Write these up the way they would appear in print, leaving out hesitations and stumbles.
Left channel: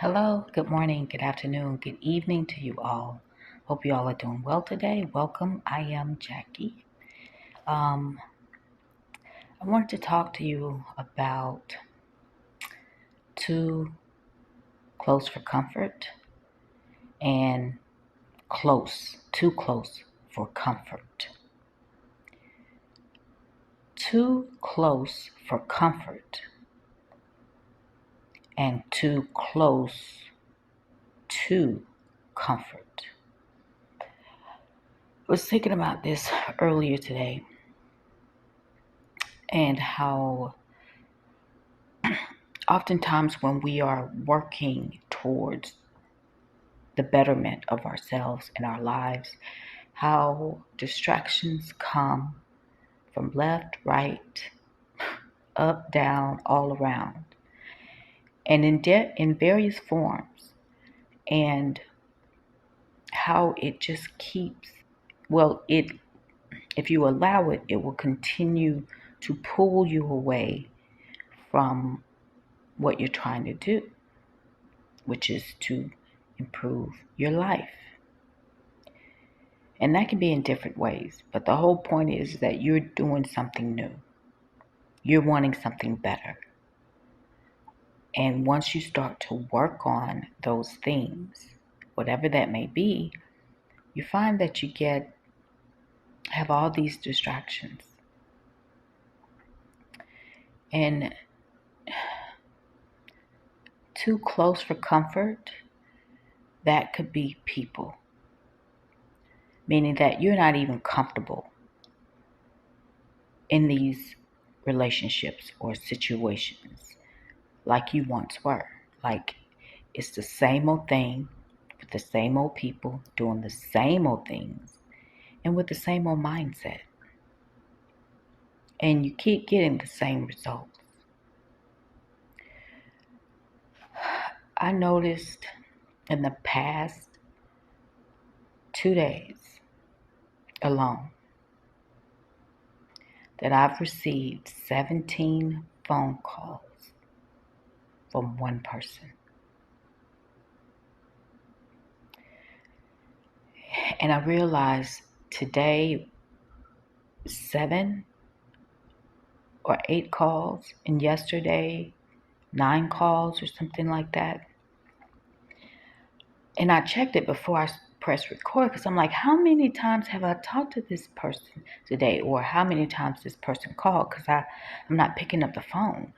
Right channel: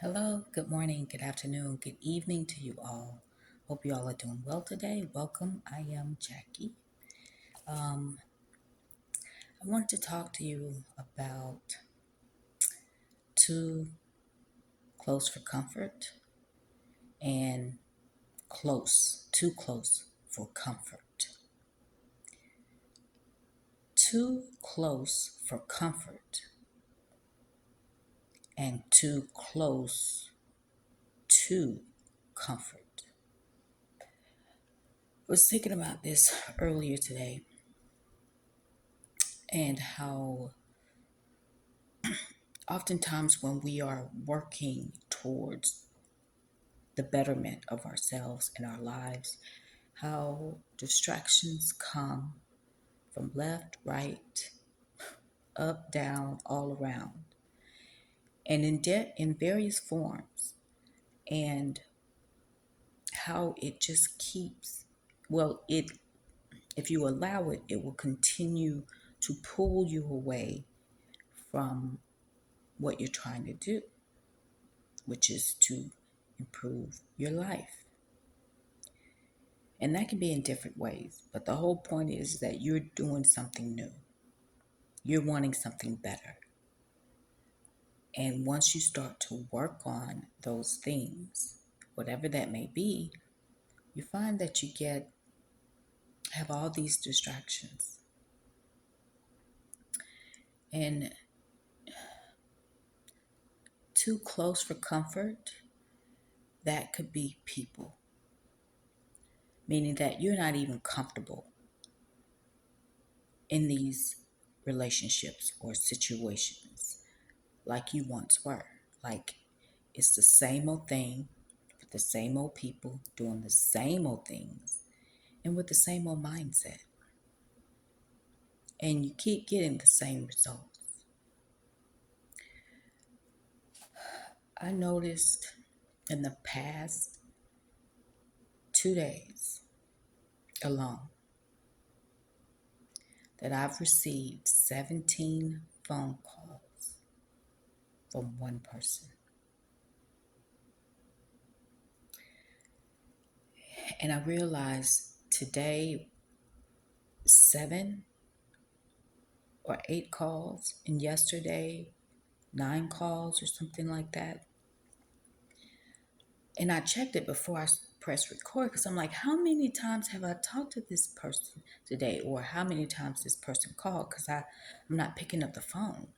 Hello, good morning, good afternoon, good evening to you all. Hope you all are doing well today. Welcome. I am Jackie. Um, I wanted to talk to you about too close for comfort and too close for comfort. Too close for comfort and too close to comfort. I was thinking about this earlier today and how oftentimes when we are working towards the betterment of ourselves and our lives, how distractions come from left, right, up, down, all around, and in various forms, and how it just keeps, well, it if you allow it, it will continue to pull you away from what you're trying to do, which is to improve your life. And that can be in different ways. But the whole point is that you're doing something new. You're wanting something better. And once you start to work on those things, whatever that may be, you find that have all these distractions. And too close for comfort, that could be people. Meaning that you're not even comfortable in these relationships or situations like you once were. Like it's the same old thing with the same old people doing the same old things and with the same old mindset. And you keep getting the same results. I noticed in the past 2 days alone that I've received 17 phone calls from one person. And I realized today 7 or 8 calls, and yesterday 9 calls or something like that. And I checked it before I pressed record because I'm like, how many times have I talked to this person today? Or how many times this person called? Because I'm not picking up the phone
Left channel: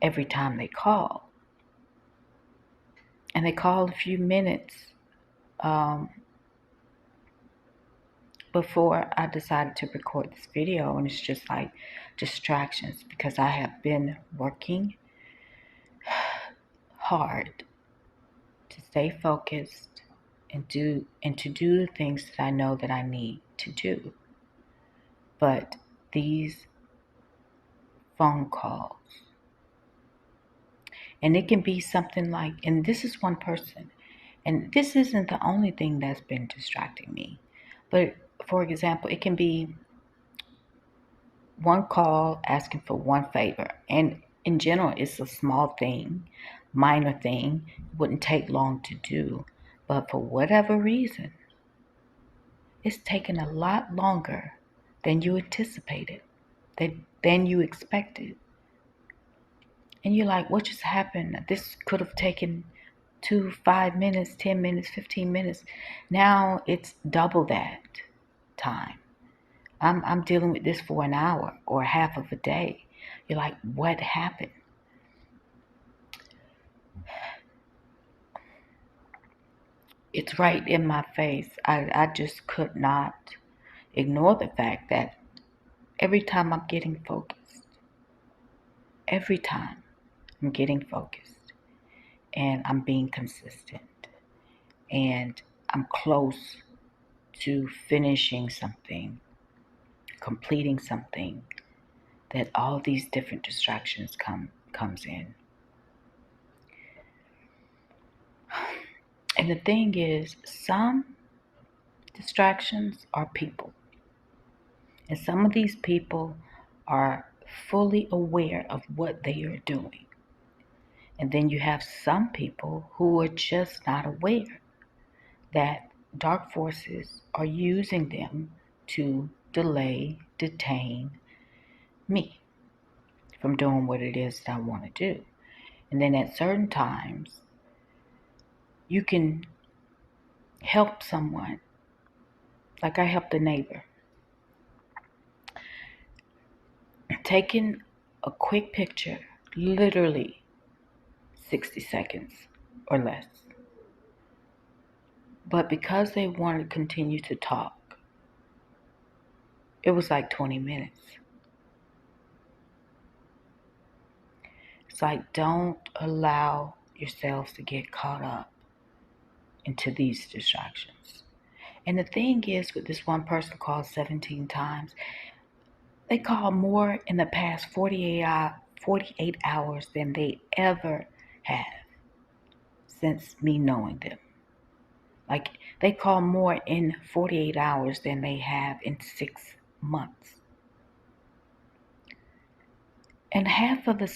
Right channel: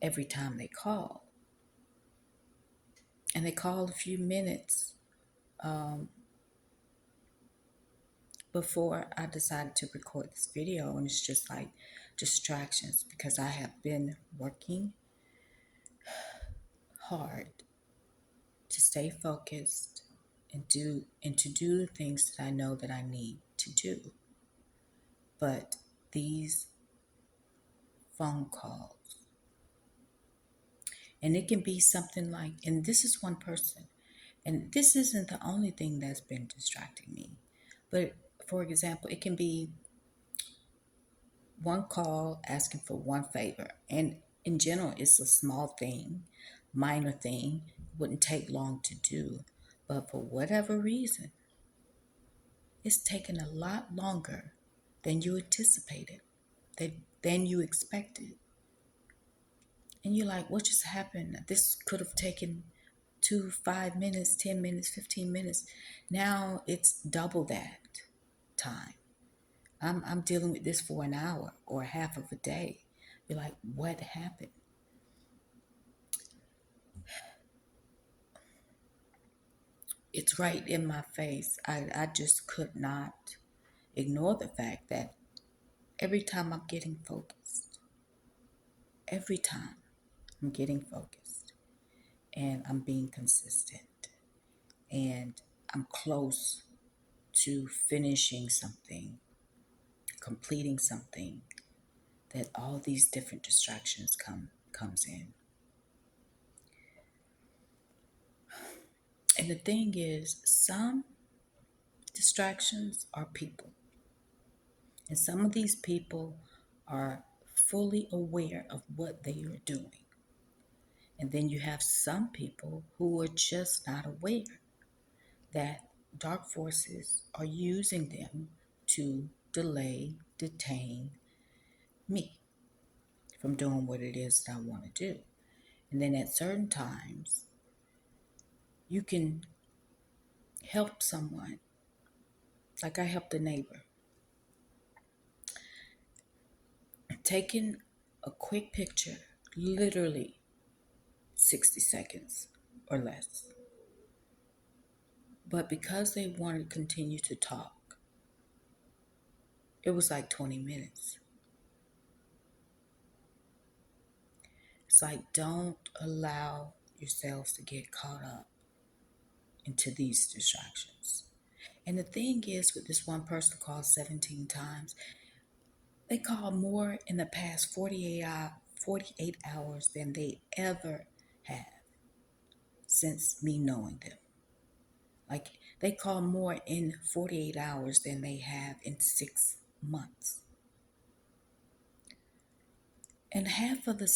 every time they call. And they called a few minutes before I decided to record this video. And it's just like distractions because I have been working hard to stay focused and to do the things that I know that I need to do. But these phone calls, and it can be something like, and this is one person, and this isn't the only thing that's been distracting me. But for example, it can be one call asking for one favor. And in general, it's a small thing, minor thing, wouldn't take long to do. But for whatever reason, it's taken a lot longer than you anticipated, than you expected. And you're like, what just happened? This could have taken 5 minutes, 10 minutes, 15 minutes. Now it's double that time. I'm dealing with this for an hour or half of a day. You're like, what happened? It's right in my face. I just could not ignore the fact that every time I'm getting focused, every time I'm getting focused and I'm being consistent and I'm close to finishing something, completing something, that all these different distractions comes in. And the thing is, some distractions are people. And some of these people are fully aware of what they are doing. And then you have some people who are just not aware that dark forces are using them to delay, detain me from doing what it is that I want to do. And then at certain times, you can help someone. Like I helped a neighbor, taking a quick picture, literally 60 seconds or less. But because they wanted to continue to talk, it was like 20 minutes. It's like, don't allow yourselves to get caught up into these distractions. And the thing is, with this one person called 17 times, they called more in the past 48 hours than they ever have since me knowing them. Like, they call more in 48 hours than they have in 6 months. And half of the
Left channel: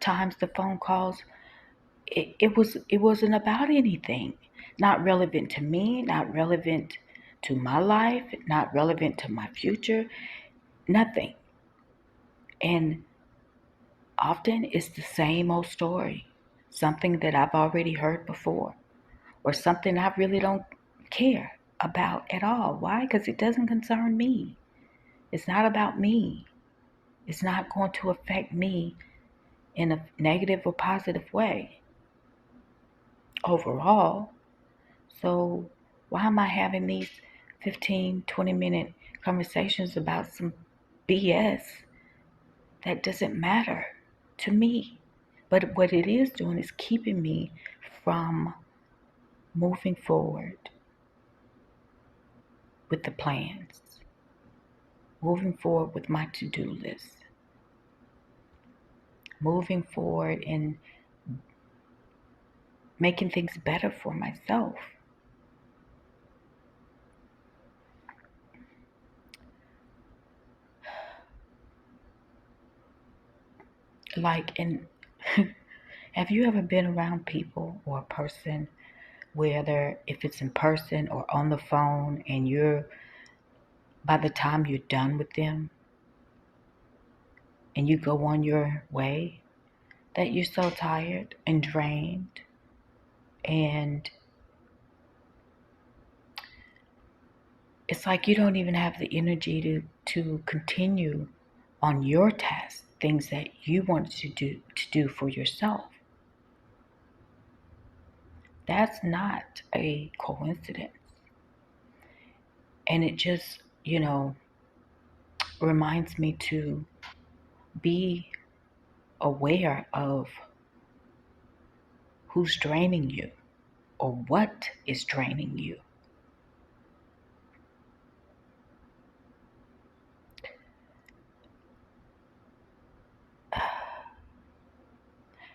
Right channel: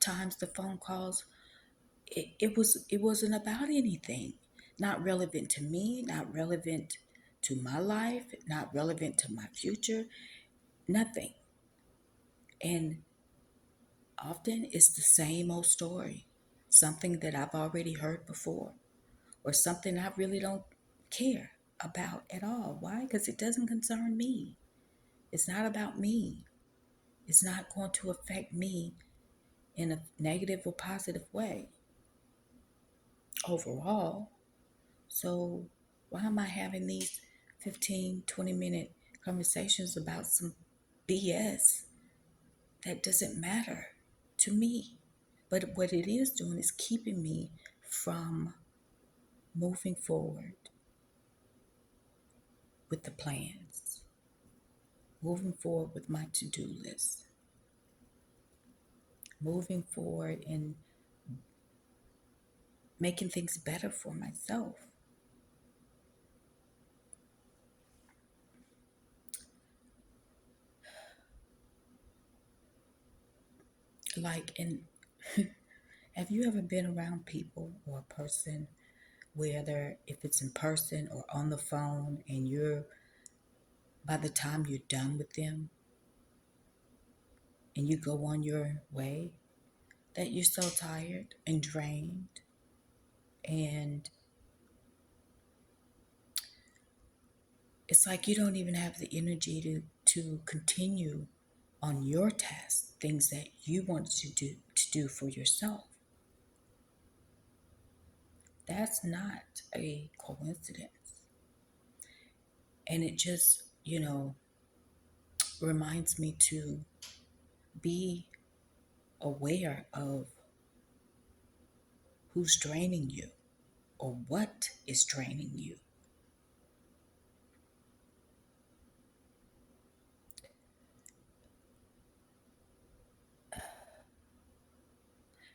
times the phone calls, it wasn't about anything. Not relevant to me, not relevant to my life, not relevant to my future, nothing. And often it's the same old story, something that I've already heard before, or something I really don't care about at all. Why? Because it doesn't concern me. It's not about me. It's not going to affect me in a negative or positive way overall. So, why am I having these 15, 20-minute conversations about some BS that doesn't matter to me? But what it is doing is keeping me from moving forward with the plans, moving forward with my to do list, moving forward and making things better for myself. Like, and have you ever been around people or a person, whether if it's in person or on the phone, and by the time you're done with them and you go on your way, that you're so tired and drained, and it's like you don't even have the energy to continue on your tasks, things that you wanted to do for yourself. That's not a coincidence. And it just, reminds me to be aware of who's draining you or what is draining you.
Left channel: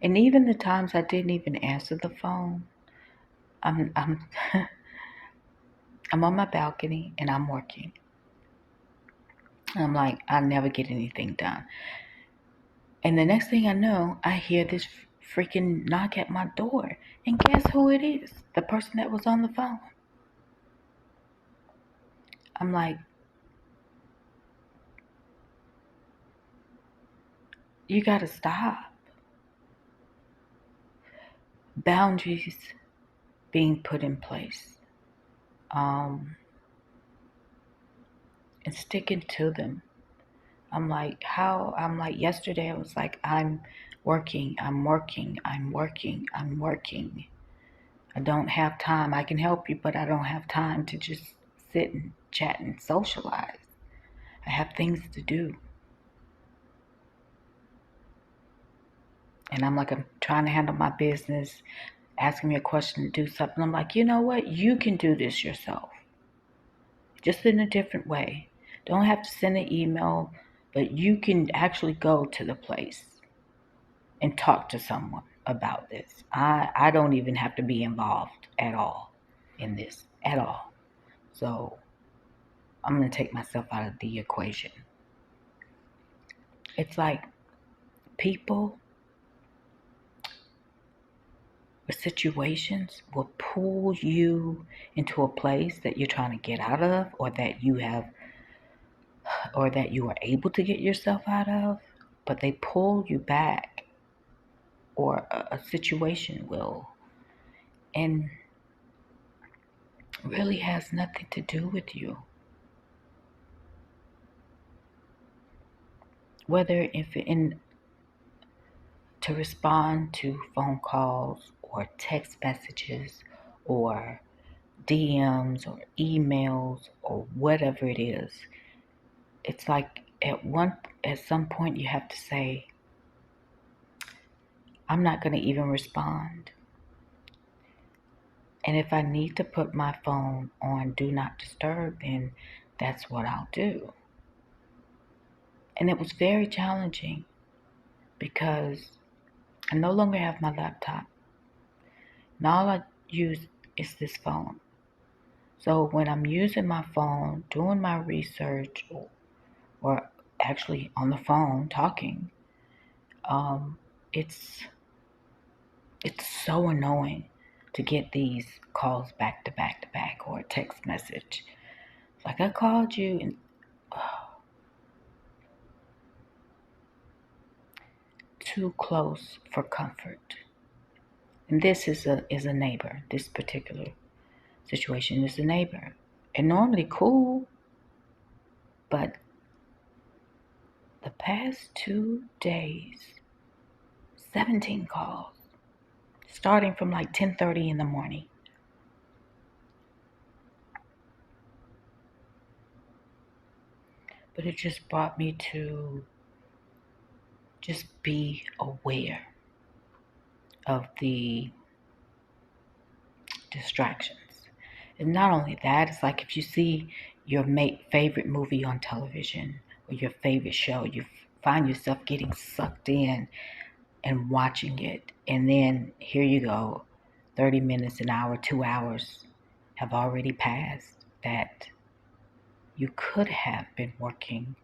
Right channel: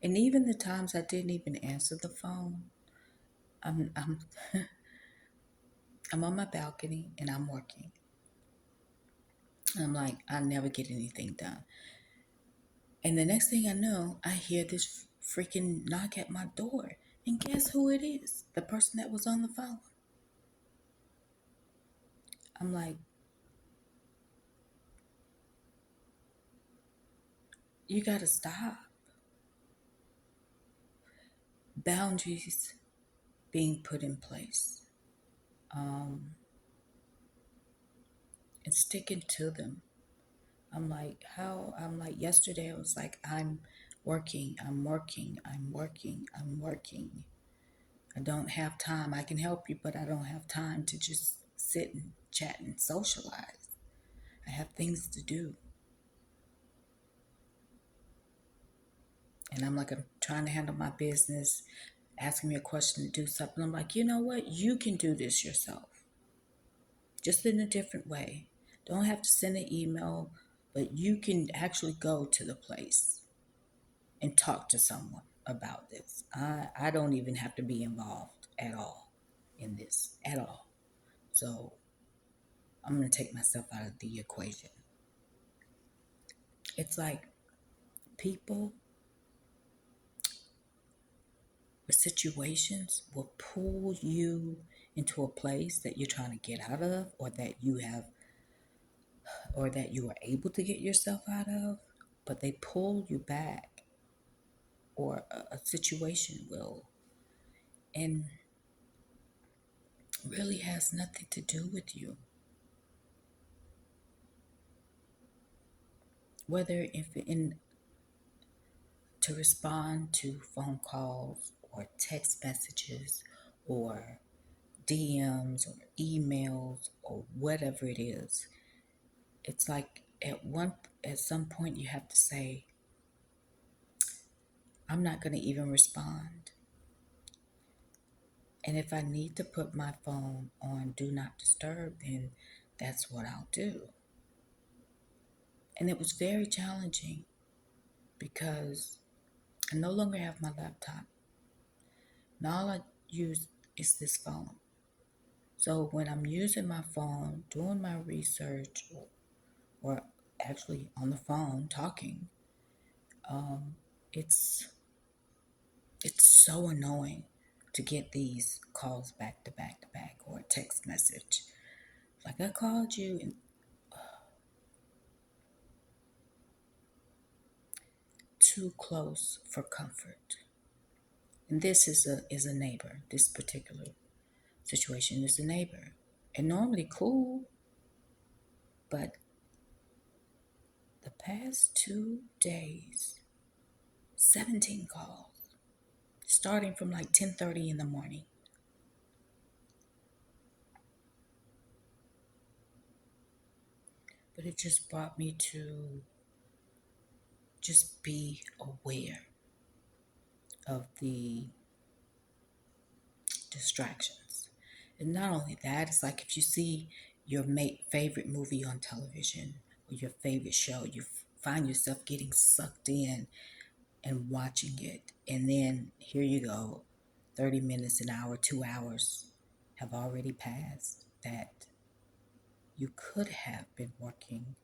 And even the times I didn't even answer the phone, I'm I'm on my balcony and I'm working. I'm like, I never get anything done. And the next thing I know, I hear this freaking knock at my door. And guess who it is? The person that was on the phone. I'm like, you gotta stop. Boundaries being put in place. Um, and sticking to them. I'm like, yesterday I was like, I'm working, I'm working, I'm working, I'm working. I don't have time. I can help you, but I don't have time to just sit and chat and socialize. I have things to do. And I'm like, I'm trying to handle my business, asking me a question to do something. I'm like, you know what? You can do this yourself, just in a different way. Don't have to send an email, but you can actually go to the place and talk to someone about this. I don't even have to be involved at all in this, at all. So I'm going to take myself out of the equation. It's like people situations will pull you into a place that you're trying to get out of, or that you are able to get yourself out of, but they pull you back, or a situation will, and really has nothing to do with you. Whether if in to respond to phone calls or text messages or DMs or emails or whatever it is, it's like at some point you have to say, I'm not going to even respond. And if I need to put my phone on do not disturb, then that's what I'll do. And it was very challenging because I no longer have my laptop. And all I use is this phone. So when I'm using my phone, doing my research, or actually on the phone talking, it's it's so annoying to get these calls back to back to back, or a text message. Like, I called you, and too close for comfort. And this is a neighbor. This particular situation is a neighbor. And normally cool, but the past 2 days, 17 calls, starting from like 10:30 in the morning. But it just brought me to just be aware of the distractions. And not only that, it's like if you see your favorite movie on television or your favorite show, you find yourself getting sucked in and watching it. And then here you go, 30 minutes, an hour, 2 hours have already passed that you could have been working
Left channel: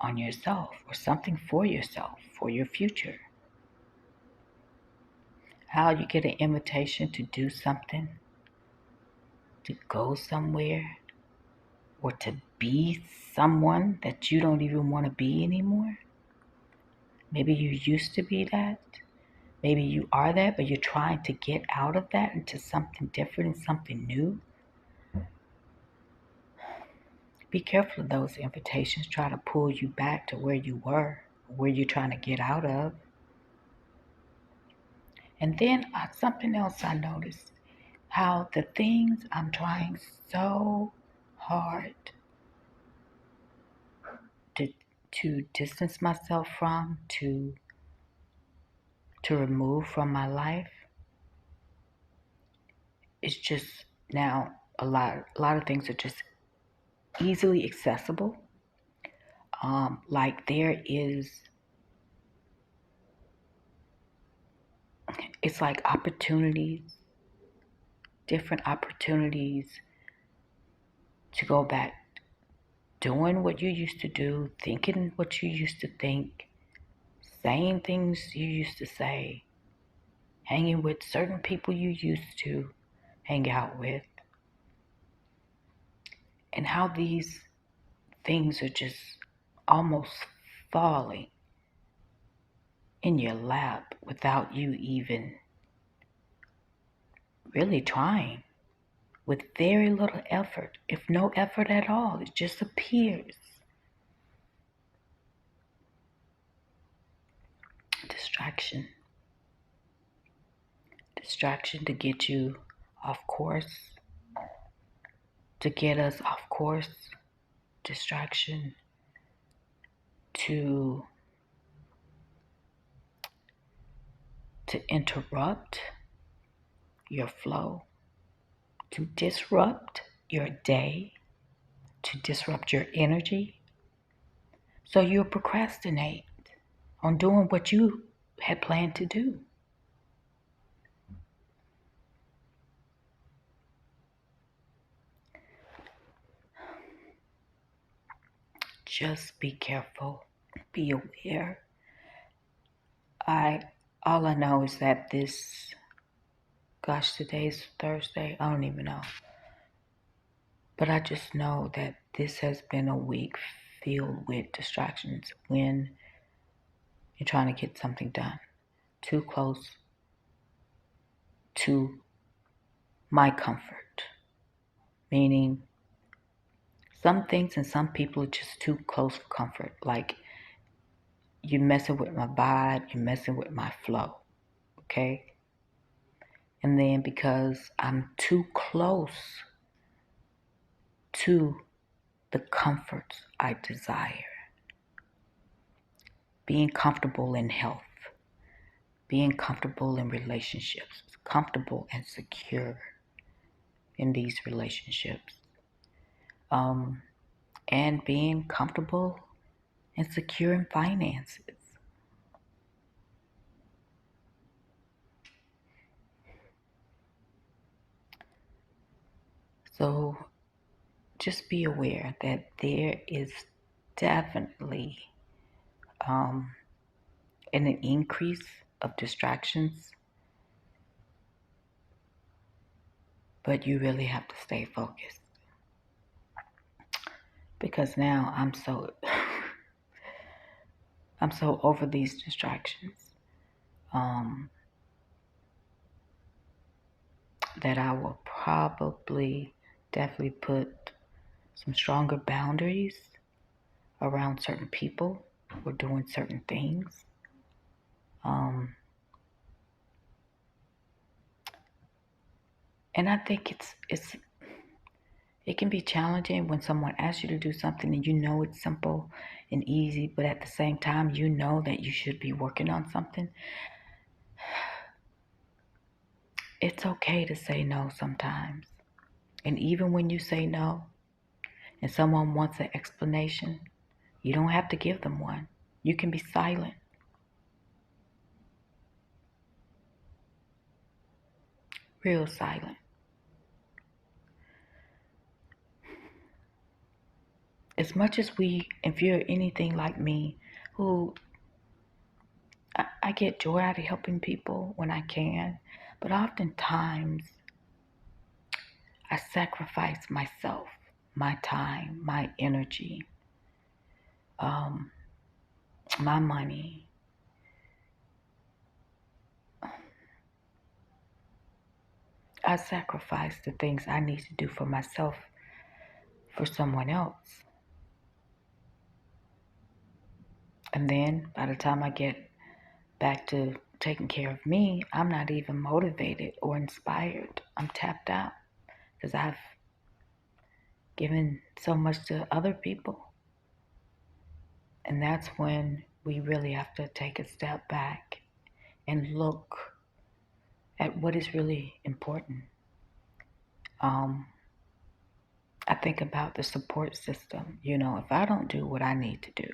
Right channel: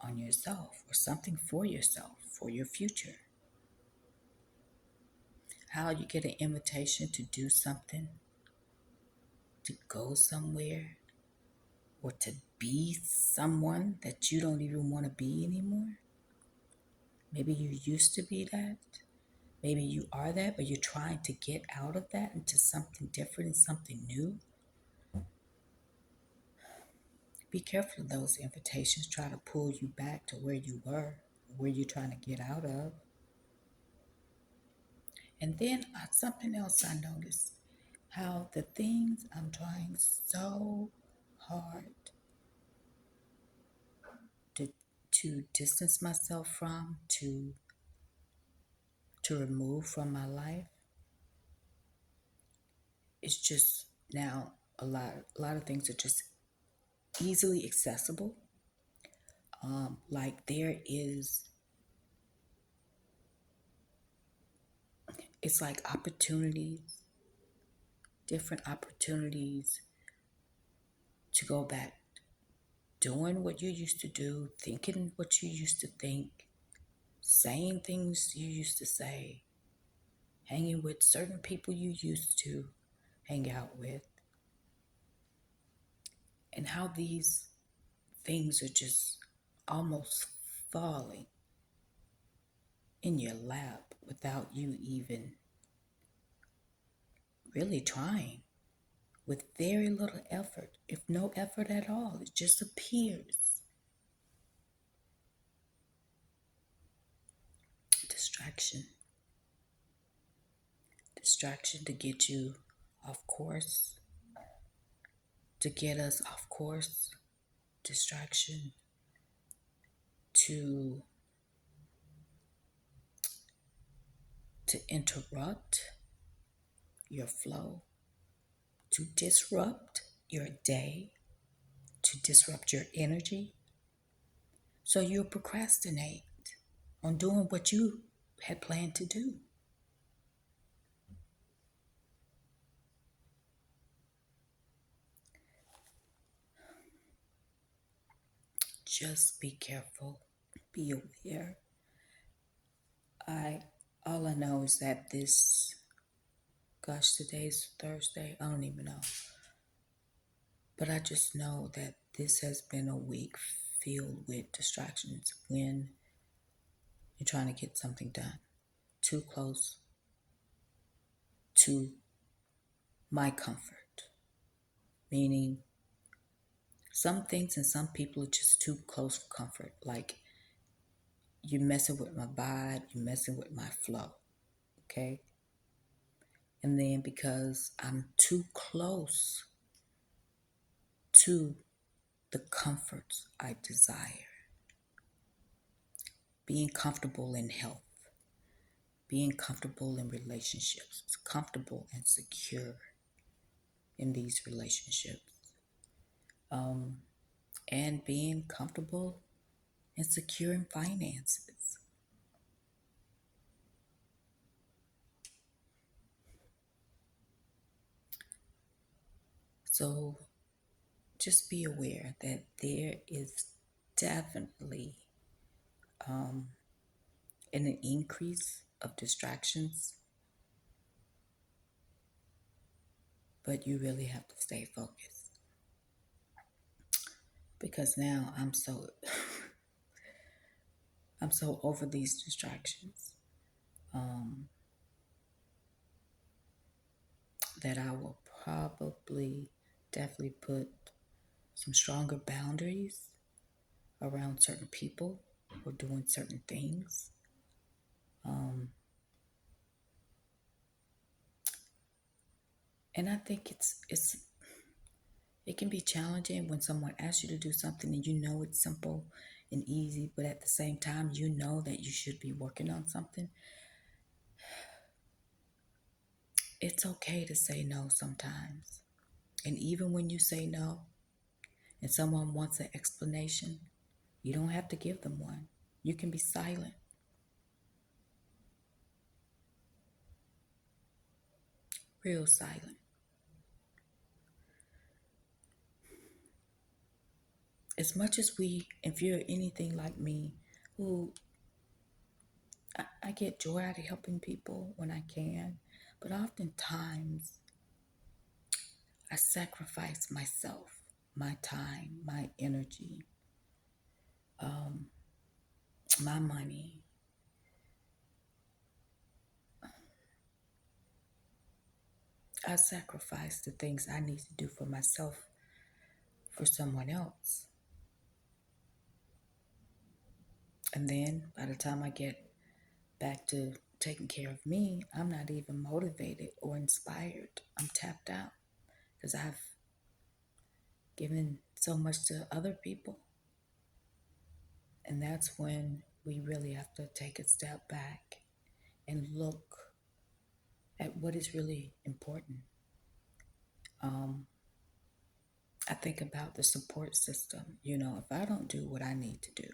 on yourself or something for yourself, for your future. How you get an invitation to do something, to go somewhere, or to be someone that you don't even want to be anymore. Maybe you used to be that. Maybe you are that, but you're trying to get out of that into something different and something new. Be careful of those invitations. Try to pull you back to where you were, where you're trying to get out of. And then something else I noticed, how the things I'm trying so hard to distance myself from, to remove from my life, it's just now a lot of things are just easily accessible. Like there is, it's like opportunities, different opportunities to go back doing what you used to do, thinking what you used to think, saying things you used to say, hanging with certain people you used to hang out with, and how these things are just almost falling in your lap without you even really trying, with very little effort, if no effort at all. It just appears. Distraction. Distraction to get you off course, to get us off course. Distraction to interrupt your flow, to disrupt your day, to disrupt your energy. So you'll procrastinate on doing what you had planned to do. Just be careful, be aware. I All I know is that this Gosh, today's Thursday. I don't even know. But I just know that this has been a week filled with distractions when you're trying to get something done. Too close to my comfort. Meaning, some things and some people are just too close for comfort. Like, you're messing with my vibe, you're messing with my flow. Okay? And then because I'm too close to the comforts I desire, being comfortable in health, being comfortable in relationships, comfortable and secure in these relationships, and being comfortable and secure in finances. So just be aware that there is definitely an increase of distractions, but you really have to stay focused because now I'm so over these distractions that I will probably definitely put some stronger boundaries around certain people or doing certain things. And I think it can be challenging when someone asks you to do something and you know it's simple and easy, but at the same time you know that you should be working on something. It's okay to say no sometimes. And even when you say no and someone wants an explanation, you don't have to give them one. You can be silent, real silent. As much as if you're anything like me, who I get joy out of helping people when I can, but oftentimes I sacrifice myself, my time, my energy, my money. I sacrifice the things I need to do for myself for someone else. And then by the time I get back to taking care of me, I'm not even motivated or inspired. I'm tapped out because I've given so much to other people. And that's when we really have to take a step back and look at what is really important. I think about the support system. If I don't do what I need to do,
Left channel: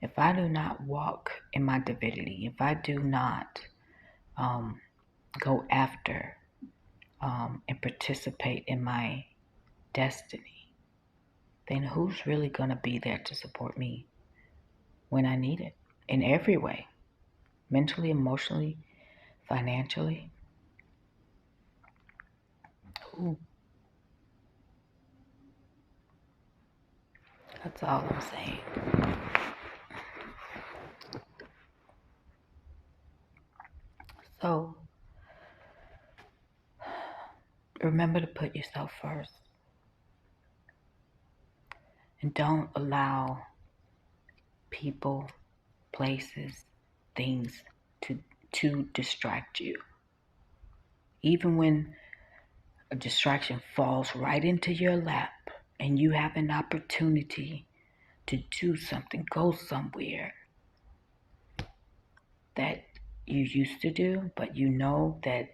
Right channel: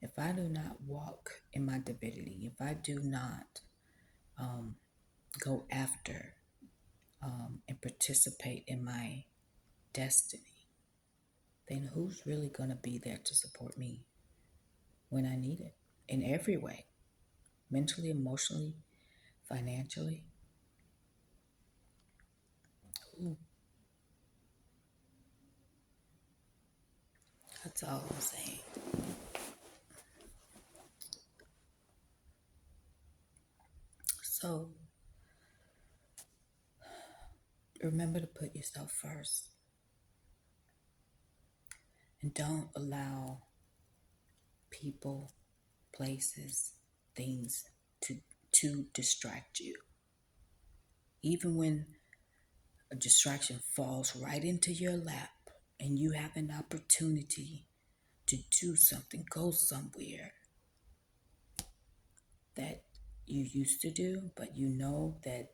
if I do not walk in my divinity, if I do not go after and participate in my destiny, then who's really going to be there to support me when I need it in every way? Mentally, emotionally, financially? Who? That's all I'm saying. So remember to put yourself first and don't allow people, places, things to distract you. Even when a distraction falls right into your lap and you have an opportunity to do something, go somewhere that you used to do, but you know that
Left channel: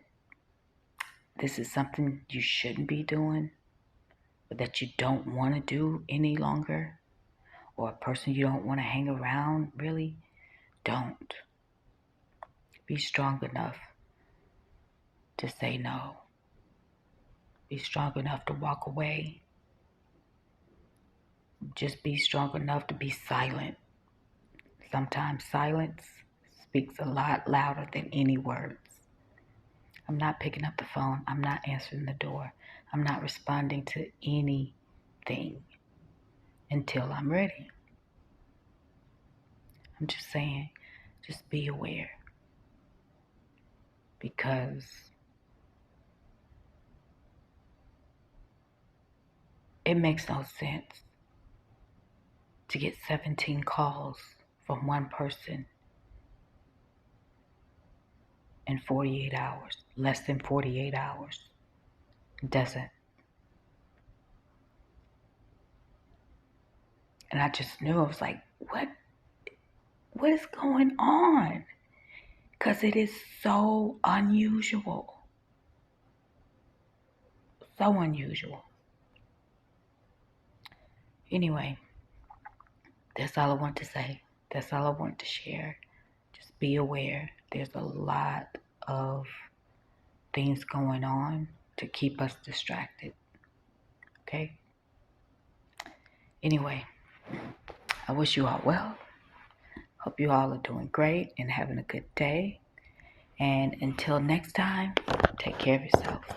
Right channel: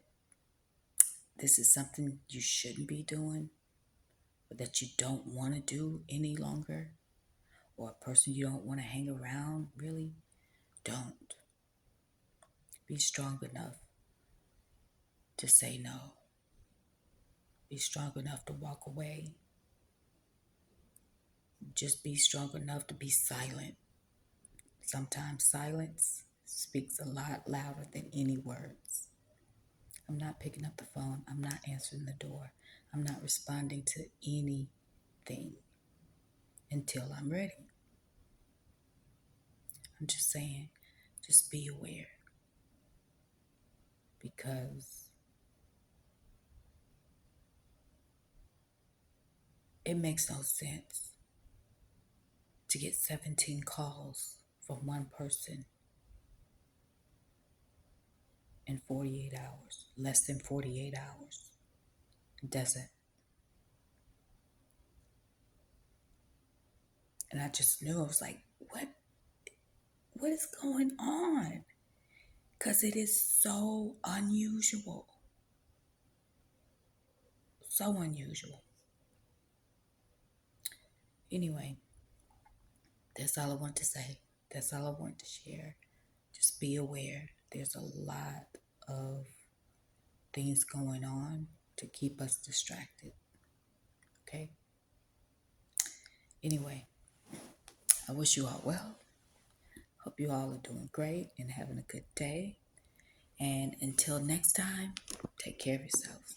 this is something you shouldn't be doing, or that you don't want to do any longer, or a person you don't want to hang around, really, don't. Be strong enough to say no. Be strong enough to walk away. Just be strong enough to be silent. Sometimes silence speaks a lot louder than any words. I'm not picking up the phone. I'm not answering the door. I'm not responding to anything until I'm ready. I'm just saying, just be aware, because it makes no sense to get 17 calls from one person in 48 hours, less than 48 hours. It doesn't. And I just knew, I was like, what is going on? Because it is so unusual. So unusual. Anyway, that's all I want to say. That's all I want to share. Just be aware. There's a lot of things going on to keep us distracted. Okay? Anyway, I wish you all well. Hope you all are doing great and having a good day. And until next time, take care of yourself.